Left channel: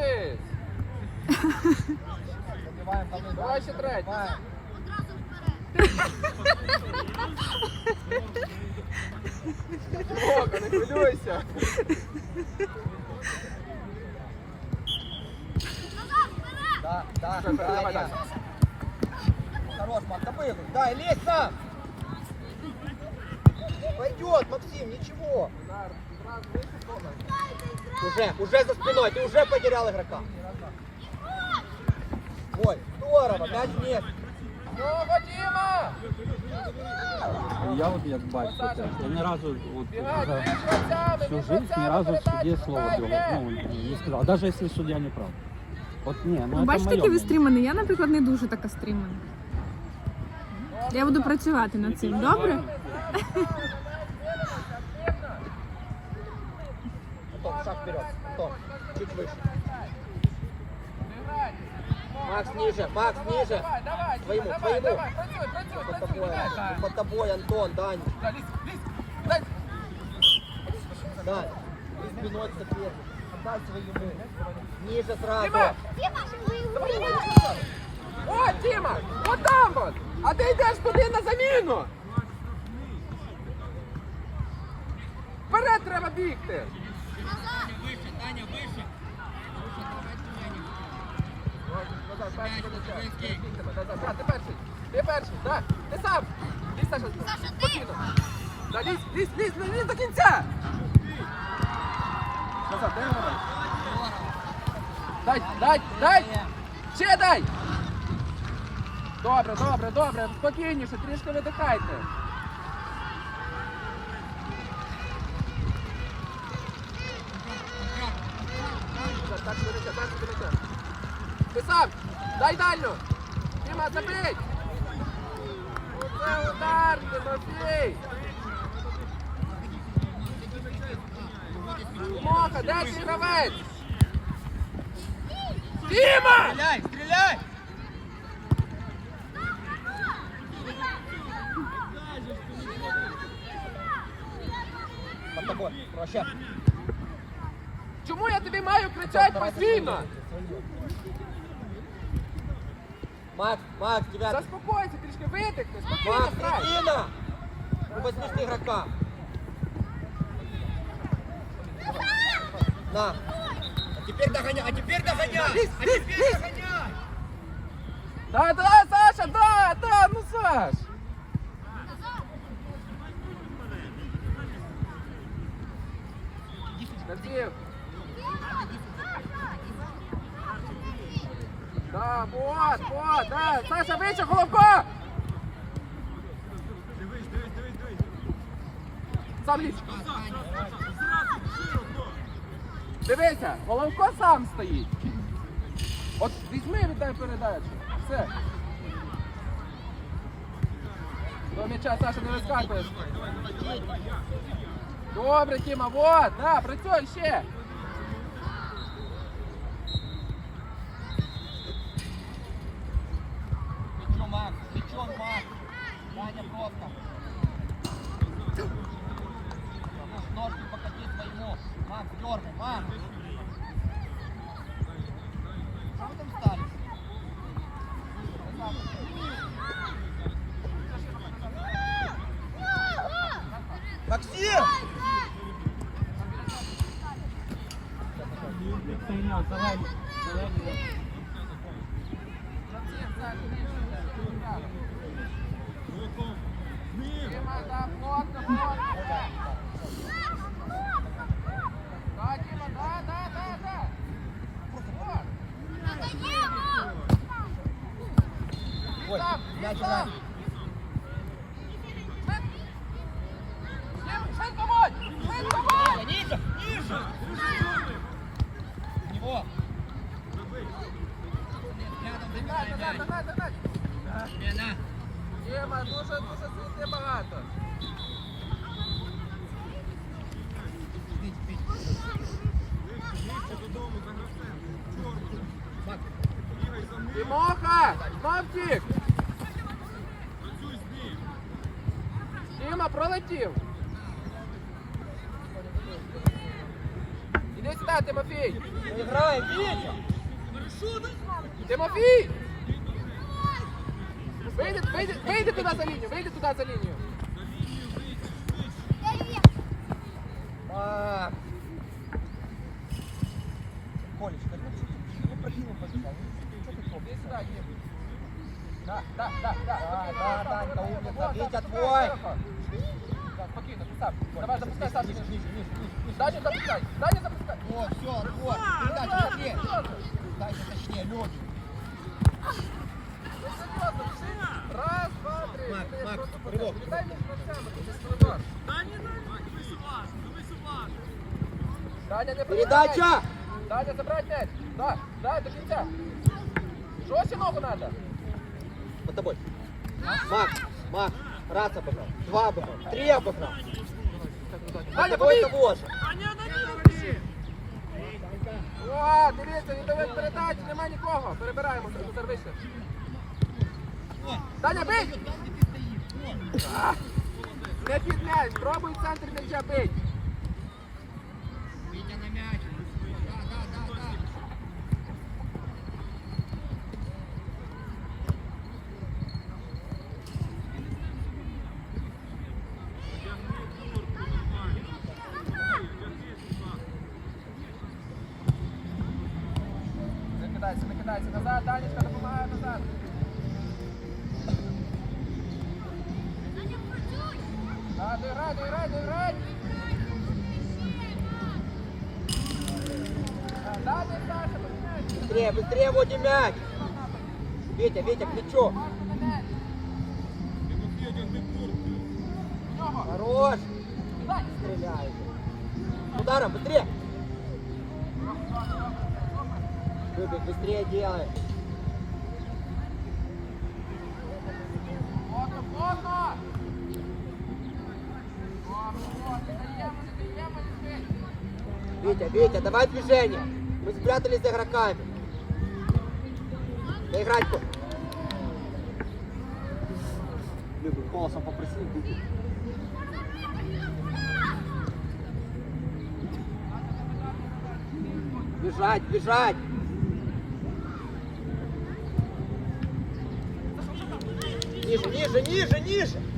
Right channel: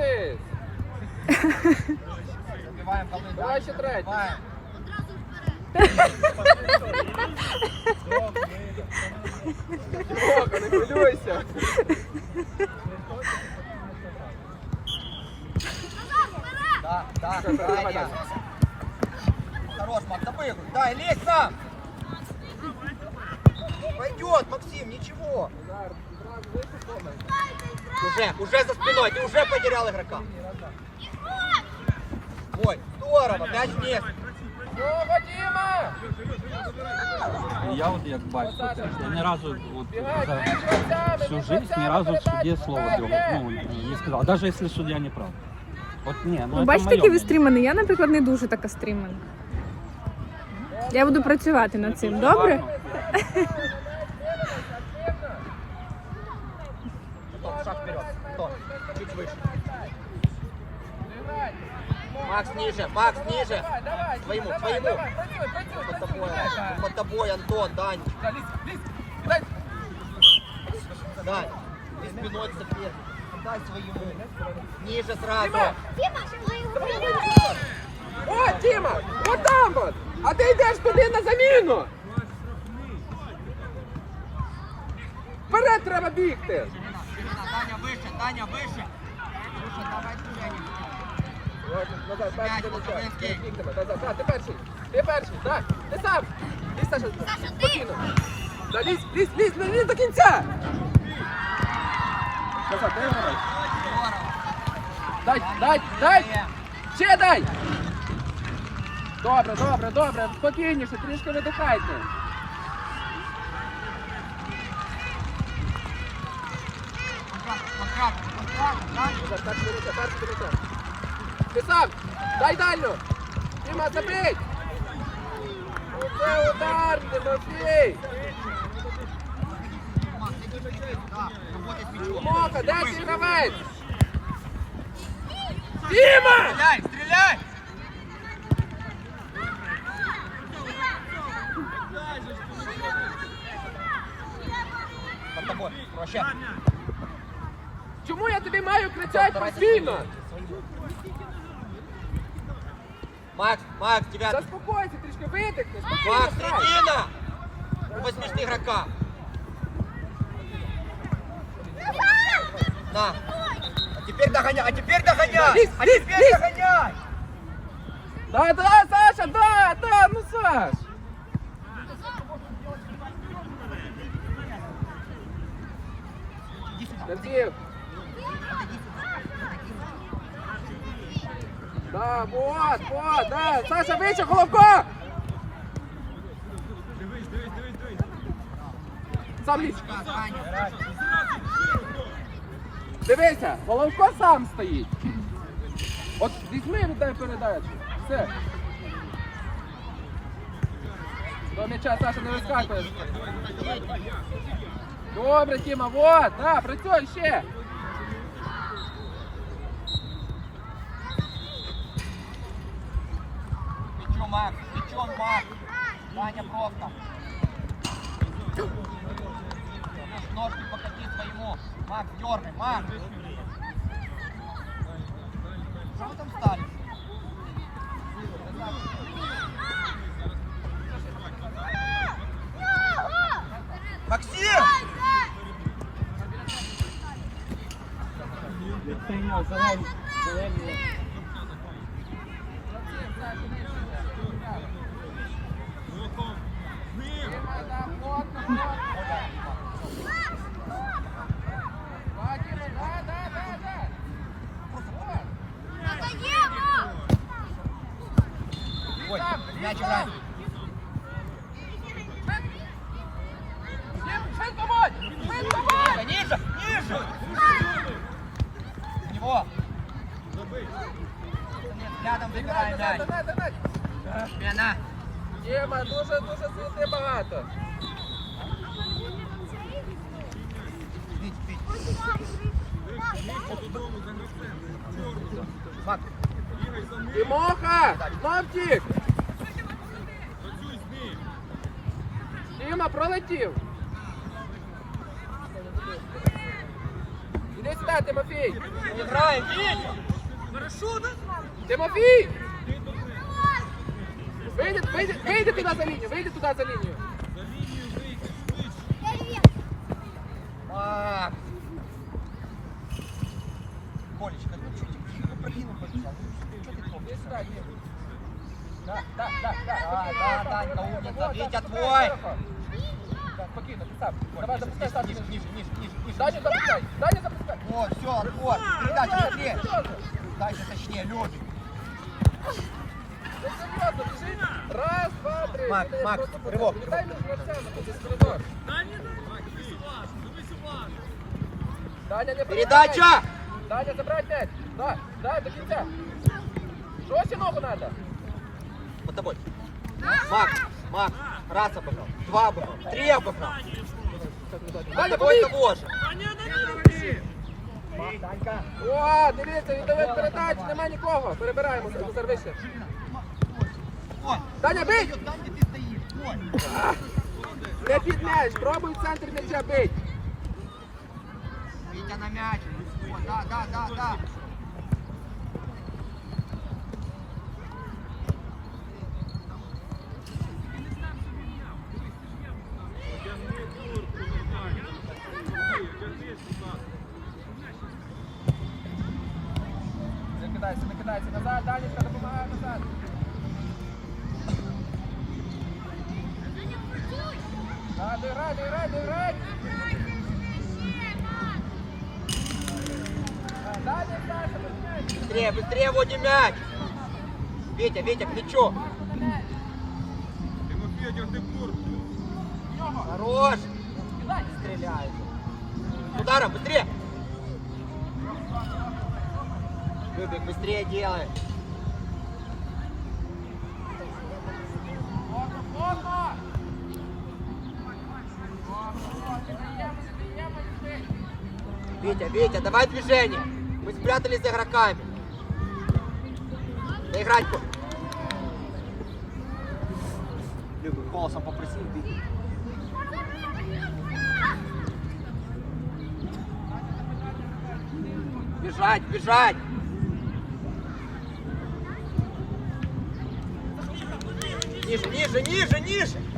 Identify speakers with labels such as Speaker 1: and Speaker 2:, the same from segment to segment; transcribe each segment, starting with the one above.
Speaker 1: вниз. Давай ще третій. Рока, не хвилюйся. Все, давай далі.
Speaker 2: Забыл. Дай, лезь сам. Пойдет, Максим, ничего.
Speaker 1: Назар, зразу вийти помер.
Speaker 2: Уже, уже за спиной, ты уже потерял игрока. Ой, здорово, пять мест.
Speaker 1: Ну, Вадима!
Speaker 3: Я от як бачу, я ні разу от,
Speaker 1: Бігай,
Speaker 3: за
Speaker 1: бігай, сяде,
Speaker 3: всю жизнь ни разу в суде слово говорю, ну, не сказал, даже если судья не прав. От ні, ну,
Speaker 4: Ну, бачите,
Speaker 3: моє
Speaker 4: ви стрімані. Я, наприклад, не дуже така стрімана. Я буду працювати над цим, добре?
Speaker 2: Чуть выше. Макс ниже, Макс ниже.
Speaker 1: Давай, давай,
Speaker 2: Своему,
Speaker 1: давай,
Speaker 2: своему.
Speaker 1: давай, працюй, працюй, працюй, давай.
Speaker 2: Вот тобой, Антон, Дань.
Speaker 1: Да, лізь, лізь. Дай.
Speaker 2: Дань. Ты спиной к сопернику. Дай своему. Ниже сразу.
Speaker 1: Діма! Давай, давай, давай. О, Діма! От там от! А ти йдеш туди на заміну! Вперед треба бігти!
Speaker 2: Таня выше, Таня выше.
Speaker 1: Ти перший! Так! Ти сам! Лізь, Саша! Ти! Да, лізь, до кінця! Назад, дай його дай! Дай, дай! Ще дай! Добре, добре, добре, спокійніше, трішки видихайте.
Speaker 2: Контракт, контракт, контракт.
Speaker 1: Назад, перший до лиця, перший до Ти сам! Дай дальню! Діма, забий! Оце удар, Тимофій! Тимоха, де цей гравець? Діма!
Speaker 2: Стреляй, стреляй!
Speaker 1: Чому я тобі маю кричати постійно?
Speaker 2: Макс, Макс, тебя...
Speaker 1: Заспокойся, трішки видихни, спокійно
Speaker 2: Макс,
Speaker 1: грай.
Speaker 2: середина! Возьмешь игрока. На. А теперь догоняй, а теперь догоняй! А теперь догоняй!
Speaker 1: Да, да, Саша, да, да, ну Саш. Назив. Вот, вот, да. Саша, вище, головко! Сам лізь. Дивися, головко сам стоїть. От візьми дай передачу. Все. До м'яча, Саша, не вискакуєш. Добре, Тіма, вот, да, працюй ще.
Speaker 2: Các em sẽ? Забирай мяч. Пряна.
Speaker 1: Тіма, дуже, дуже суети багато. Тимоха, тік. Тіма, пролетів. Тимофій! Вийди, вийди, вийди туди за лінію, вийди туди за лінію.
Speaker 2: Макс! Колечко,
Speaker 1: Іди сюди, Дім. Так, так, так, так, спокійно, ось так, ось так, ось так,
Speaker 2: Вітя,
Speaker 1: запускай
Speaker 2: твой.
Speaker 1: широко. Так, спокійно, ти сам. Давай, запускай сам.
Speaker 2: Ниже, ниже, ниже, ниже, ниже.
Speaker 1: Даня, запускай, Даня, запускай.
Speaker 2: Вот, все, вот. Передача,
Speaker 1: Молодець,
Speaker 2: быстрее.
Speaker 1: серйозно.
Speaker 2: Дальше точнее, Люк.
Speaker 1: Ну, серйозно, біжи. Раз, два, три.
Speaker 2: Макс,
Speaker 1: Іди,
Speaker 2: Макс,
Speaker 1: просто
Speaker 2: ривок,
Speaker 1: Дай між гравцями, тут коридор. Даня, не приймай.
Speaker 2: Передача!
Speaker 1: Даня, забирай м'яч. Да, дай до кінця. Жорстче ногу надо.
Speaker 2: За тобой. Макс, Макс, раз обыграл, два обыграл, три обыграл.
Speaker 1: Даня,
Speaker 2: Тобой
Speaker 1: побіг!
Speaker 2: того же.
Speaker 1: О, дивіться, віддали передачу, нема нікого. Перебираємося, Назар вище.
Speaker 2: О,
Speaker 1: Даня, бий!
Speaker 2: там где ты стоишь. Коль.
Speaker 1: Не під м'яч, пробуй в центр м'яча бить.
Speaker 2: Мяч. О, да, да, да, Любик, быстрее делай.
Speaker 1: Плотно, плотно. Даємо, даємо, даємо.
Speaker 2: Витя, Витя, давай движение. Мы спрятались за игроками. Не играть. Ниже, ниже, ниже, ниже.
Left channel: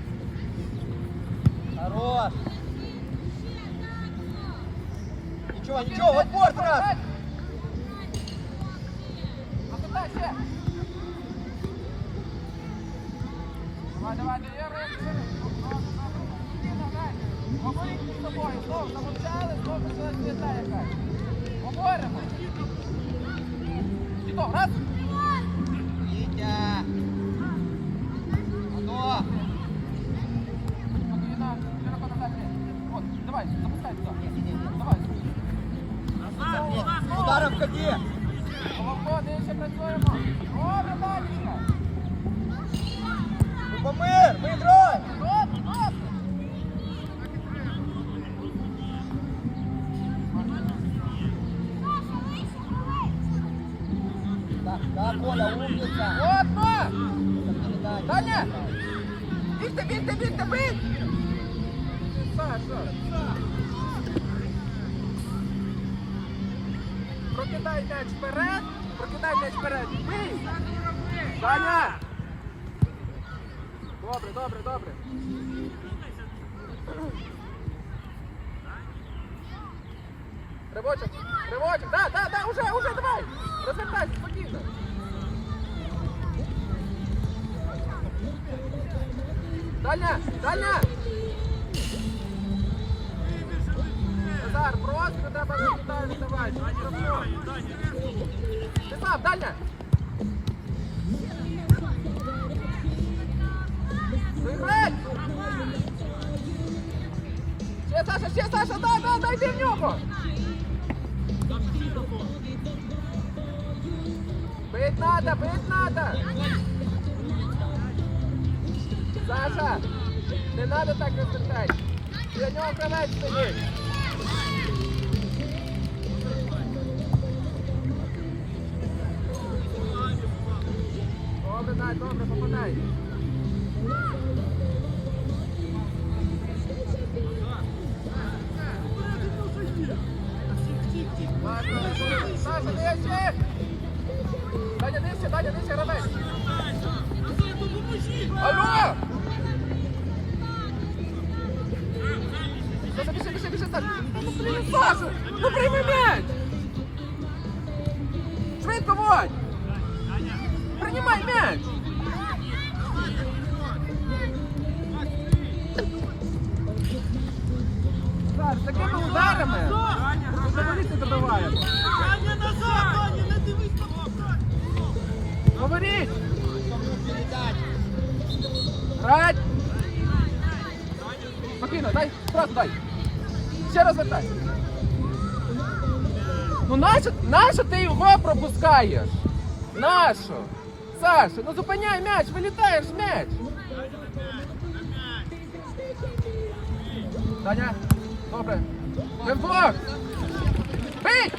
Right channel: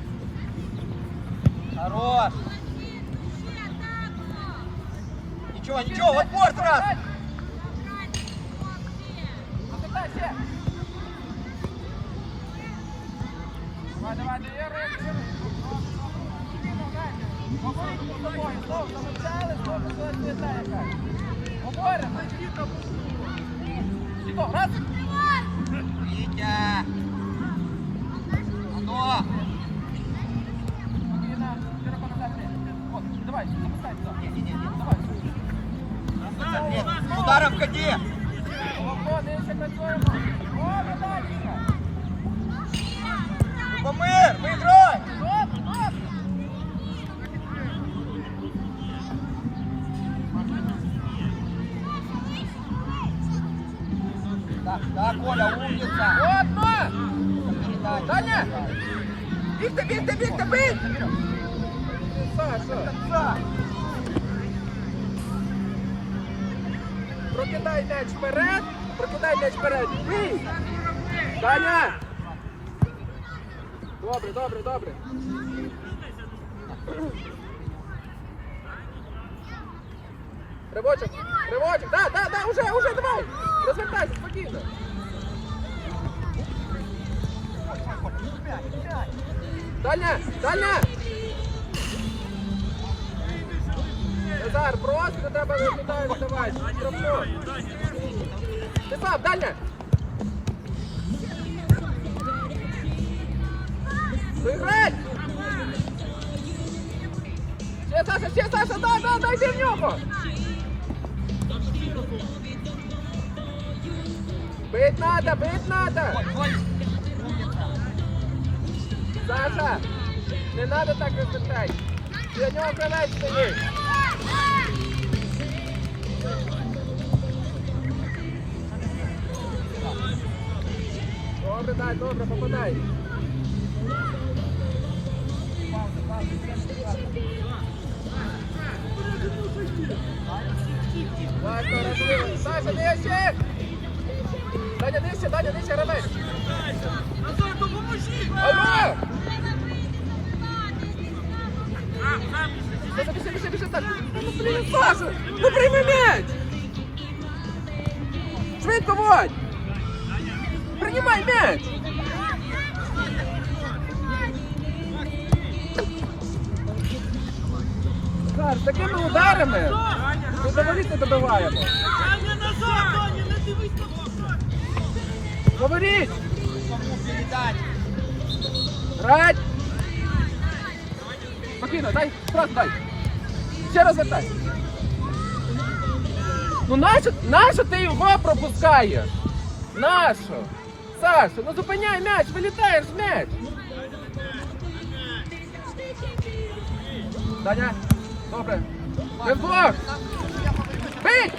Speaker 2: Ударом
Speaker 1: Добре, добре, добре. Ривочок, ривочок, да, да, да, уже, уже, давай! Розвертайся, спокійно! Дальня! Дальня! Назар, просто треба виглядати давай. Ти дальня! Виграй! Ще, Саша, ще. Добре, добре, попадай. Давай, Саша, нижче! Даня, нижче, Даня, нижче, гравець! Алло! Саша, біжи, біжи, біжи, так! Саша, ну прийми м'яч! Швидко, Водь! Приймай м'яч! Такими ударами ми говорити не добиваємо. Говоріть! Грать! Спокійно, дай, просто дай. Ще раз вертай. Ну нащо, нащо ти його пропускаєш? Нащо? Саша, ну зупиняй м'яч, вилітаєш м'яч. Даня, добре. Вдвох. Бий!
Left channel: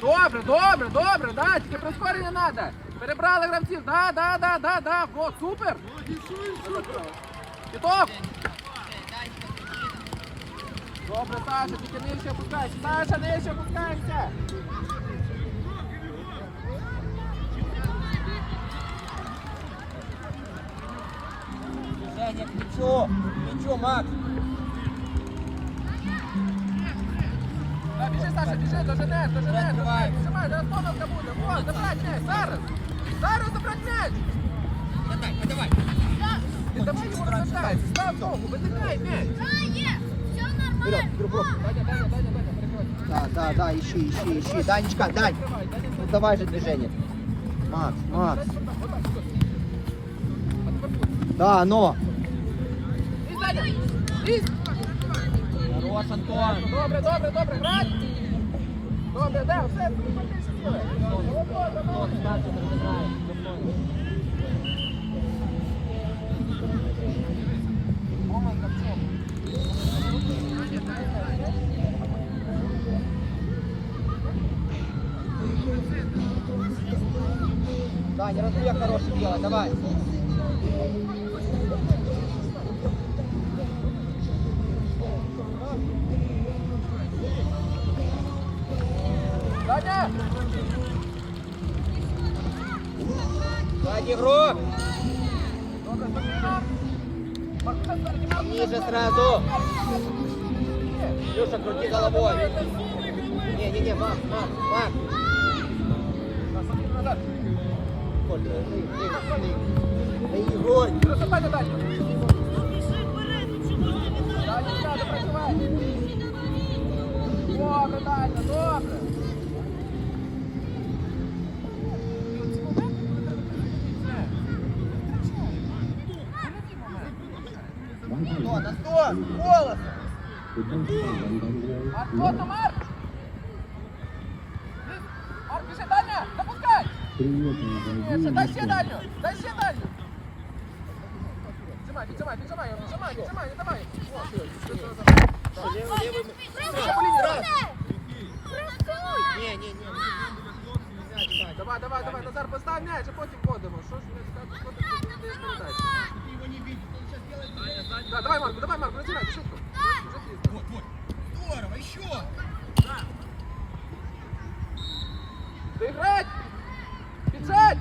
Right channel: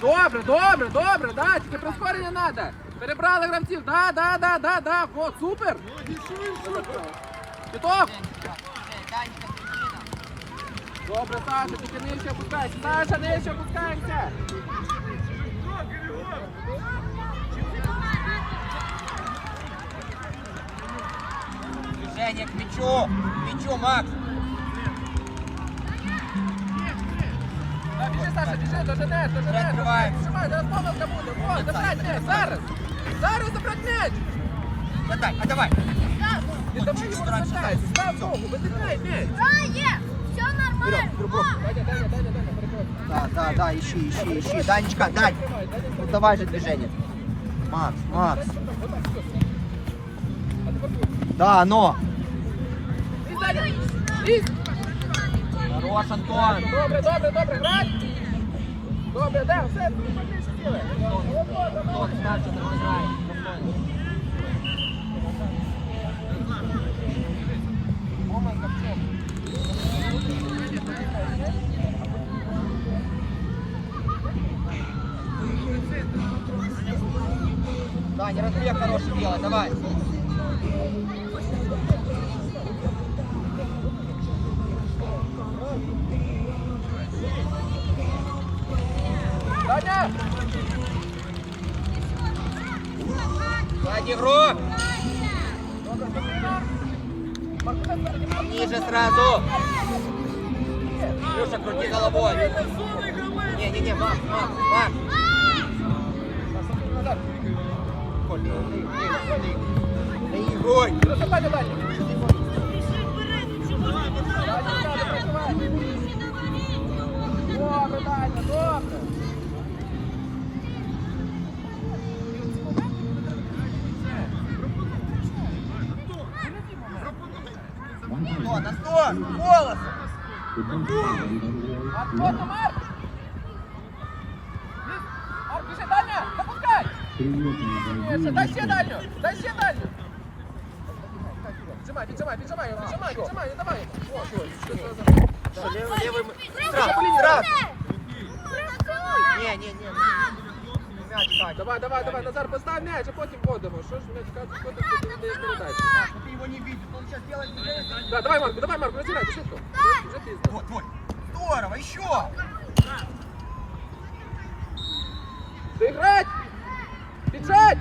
Speaker 1: Добре, добре, добре, да, тільки прискорення треба. Перебрали гравців, да, да, да, да, да, вот, супер. Готов? Добре, Саша, тільки нижче опускайся. Саша, нижче опускаємося.
Speaker 2: Женя, к мячу, к мячу, Макс.
Speaker 1: Так, біжи, Саша, біжи, доженеш, доженеш.
Speaker 2: Відкривай.
Speaker 1: Давай, зараз помилка буде. Вот, забрать м'яч, зараз. Зараз забрать м'яч.
Speaker 2: Отдай, отдавай.
Speaker 1: Не давай його розвертайся, став ногу, витикай м'яч.
Speaker 5: Все нормально.
Speaker 1: Даня, Даня, Даня, Даня, переходь.
Speaker 2: Да, да, да, ищи, ищи, ищи. Данечка, Дань.
Speaker 1: Давай, Даня, Даня.
Speaker 2: Давай же движение. Макс, Макс.
Speaker 1: Вот так, все. А тепер ти.
Speaker 2: Да, но.
Speaker 1: І Даня, і.
Speaker 2: Хорош, Антон.
Speaker 1: Добре, добре, добре, грать. Добре, да, все, більше
Speaker 2: Миша, крути головой. Не-не-не, Макс, Макс, Макс.
Speaker 1: Так, спокійно, запускай! Ще, дай ще Даню, дай ще Даню. Піджимай, піджимай, піджимай, його, піджимай, піджимай, не давай йому. О, ось.
Speaker 2: Да, левый, левый.
Speaker 1: Сразу,
Speaker 2: Сразу, сразу. Не, не, не. Нельзя читать.
Speaker 1: Давай, давай, давай, Назар, постав м'яч, а потім ходимо. Що ж ми чекати, що ти тут не передач?
Speaker 2: Ты его не видишь, он сейчас делает движение.
Speaker 1: Да, давай, Марко, давай, Марко, начинай, шутку. Вже пізно.
Speaker 2: Вот, вот. Здорово, еще.
Speaker 1: Играть! Бежать!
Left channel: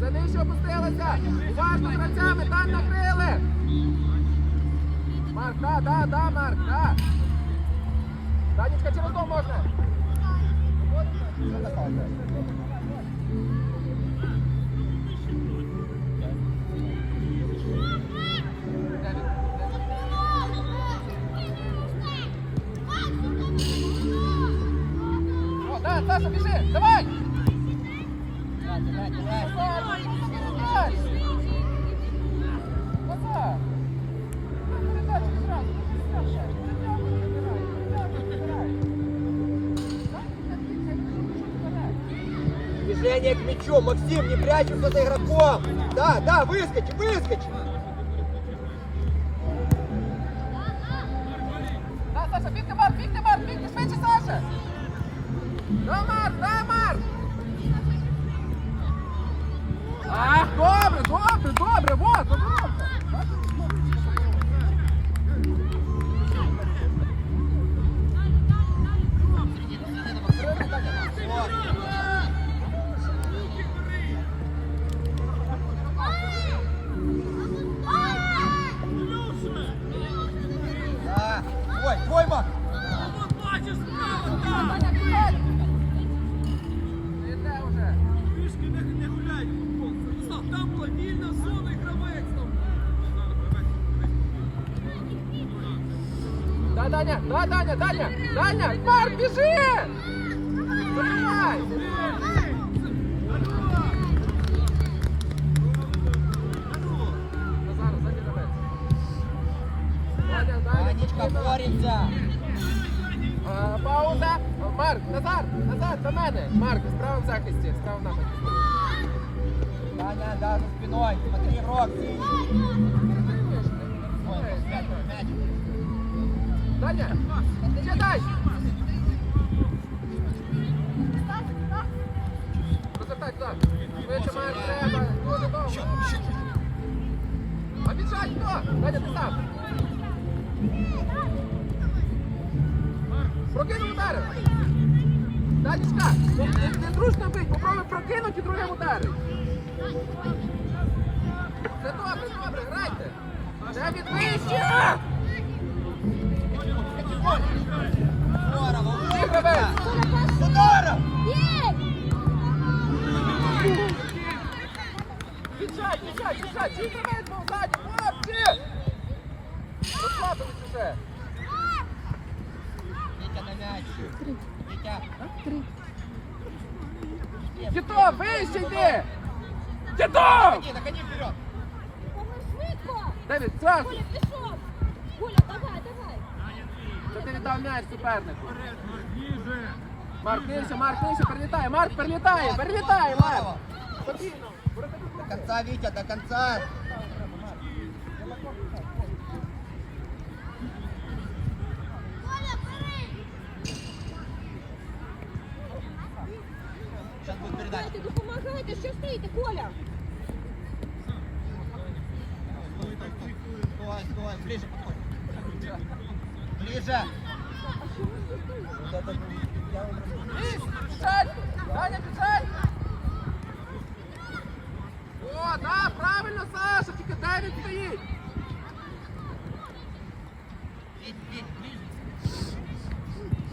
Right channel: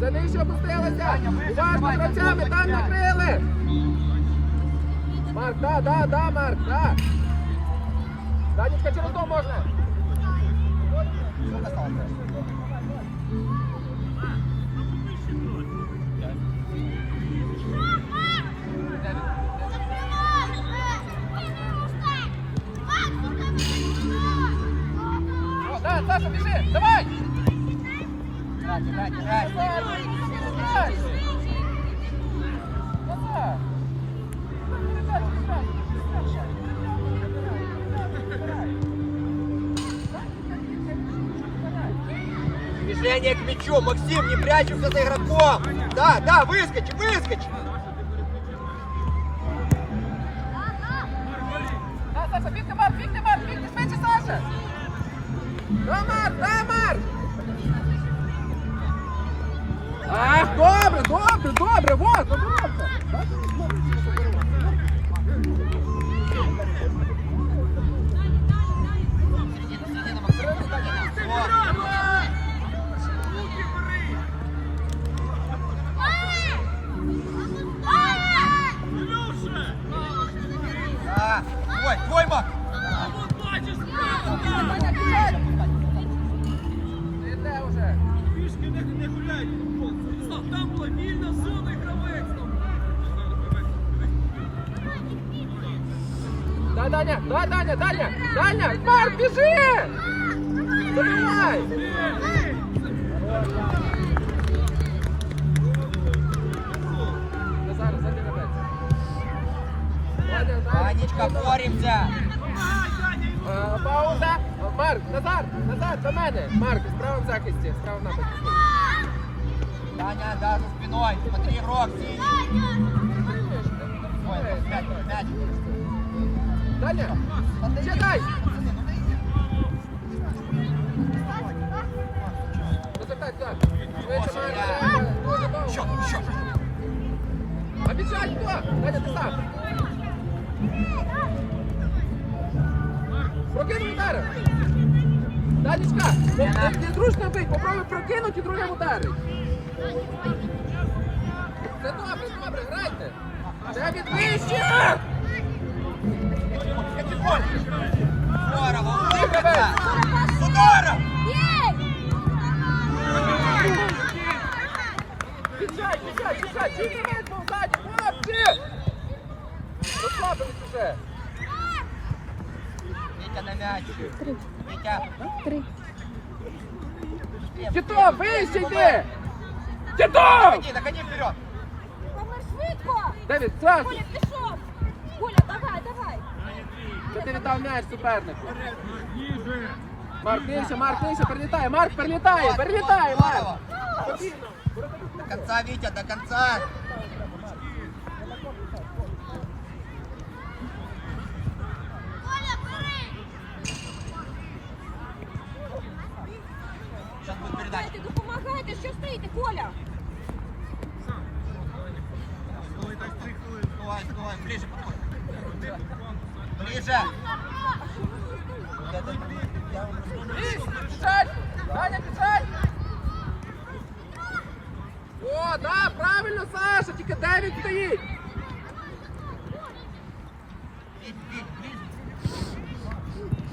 Speaker 1: Це нижче опустилося! Уважно працями, там накрили! Марк, да, да, да, Марк, да! Данечка, через дом можна!
Speaker 2: Максим, не прячемся за игроком. Да, да, выскочи, выскочи.
Speaker 1: Добре, добре, добре, вот, добре! Даня, да, Даня, Даня, Даня, Марк, бежи! Давай! Назар, сзади
Speaker 2: катайся.
Speaker 1: Данечка,
Speaker 2: боремся!
Speaker 1: Марк, Назар, Назар, до мене. Марк, справа в захисті, справа в нападі.
Speaker 2: Аня, да, за спиной. Смотри, игрок синий.
Speaker 1: Даня, читай! Оце так, так. Дуже довго. Обіцяй, хто? Даня, ти так. Прокинув удари. Данечка, не, не, не зручно бить, попробуй прокинути і другим ударить. Це добре, добре, грайте. Грайте вище! Ти гравець! Пічай, пічай, пічай, чи не грайте ззаді, хлопці! Розслабились уже.
Speaker 2: Витя на мяч. Витя.
Speaker 4: Три.
Speaker 1: Тito, вище йди! Тito!
Speaker 2: Догони вперед.
Speaker 1: Девід, зразу!
Speaker 5: Коля, пішов! Коля, давай, давай!
Speaker 1: Що ти віддав м'яч супернику? Марк, нижче, Марк, нижче, перелітає, Марк, перелітає, перелітає, Марк!
Speaker 2: До конца, Витя, до конца. Сейчас будет передача.
Speaker 5: Дайте, допомагайте, що стоїте, Коля!
Speaker 2: Сдувай, сдувай, ближе подходи. Ближе.
Speaker 1: Біжать! Даня, біжать! О, да, правильно, Саша, тільки Девід стоїть!
Speaker 2: Бить, бить, ближе.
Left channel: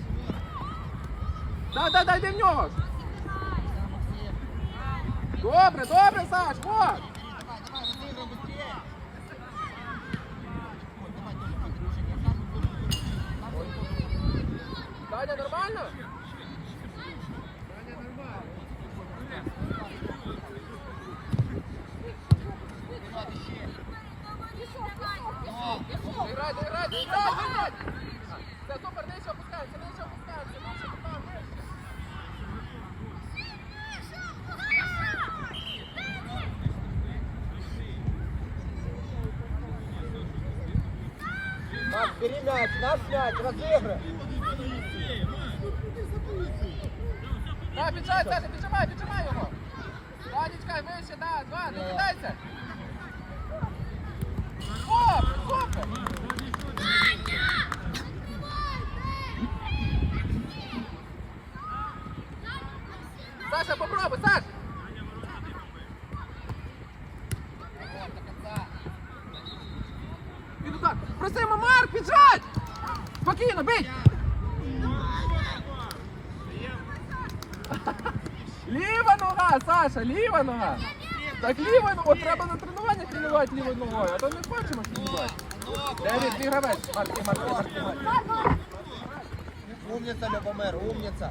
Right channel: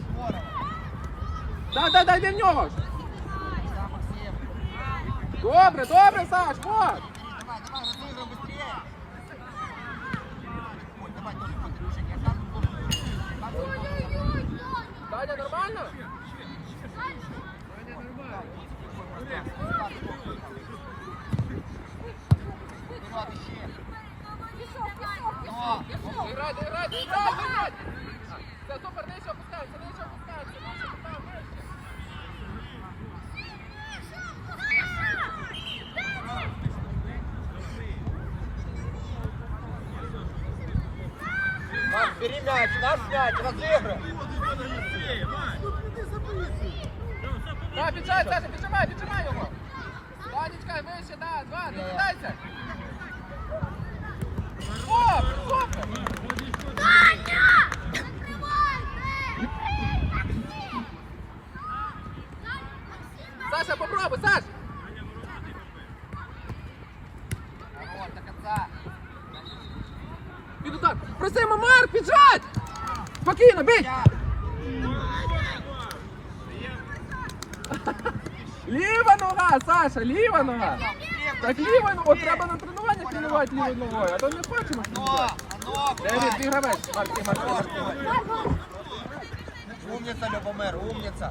Speaker 2: Здорово.
Speaker 1: Дай, дай, дай, йди в нього! Добре, добре, Саш, вот! Даня, нормально? Играй, играй, играй, играй! Все, супер, нижче опускається, нижче опускається, нижче опускається.
Speaker 2: Бери мяч, дашь мяч, разыгрывай.
Speaker 1: Да, піджай, Саша, піджимай, піджимай Да, Данечка, вище, да, два, не кидайся. О, супер. Саша, попробуй, Саш.
Speaker 2: Вот, до конца.
Speaker 1: Іду так. Просимо, Марк, піджать. Спокійно, бить. Ліва нога, Саша, ліва нога. Так ліва нога, от треба на тренуванні тренувати лівою ногою, а то не хочемо.
Speaker 2: Но,
Speaker 1: Девід, твій гравець. Марки, Марки.
Speaker 2: Любомир, умница.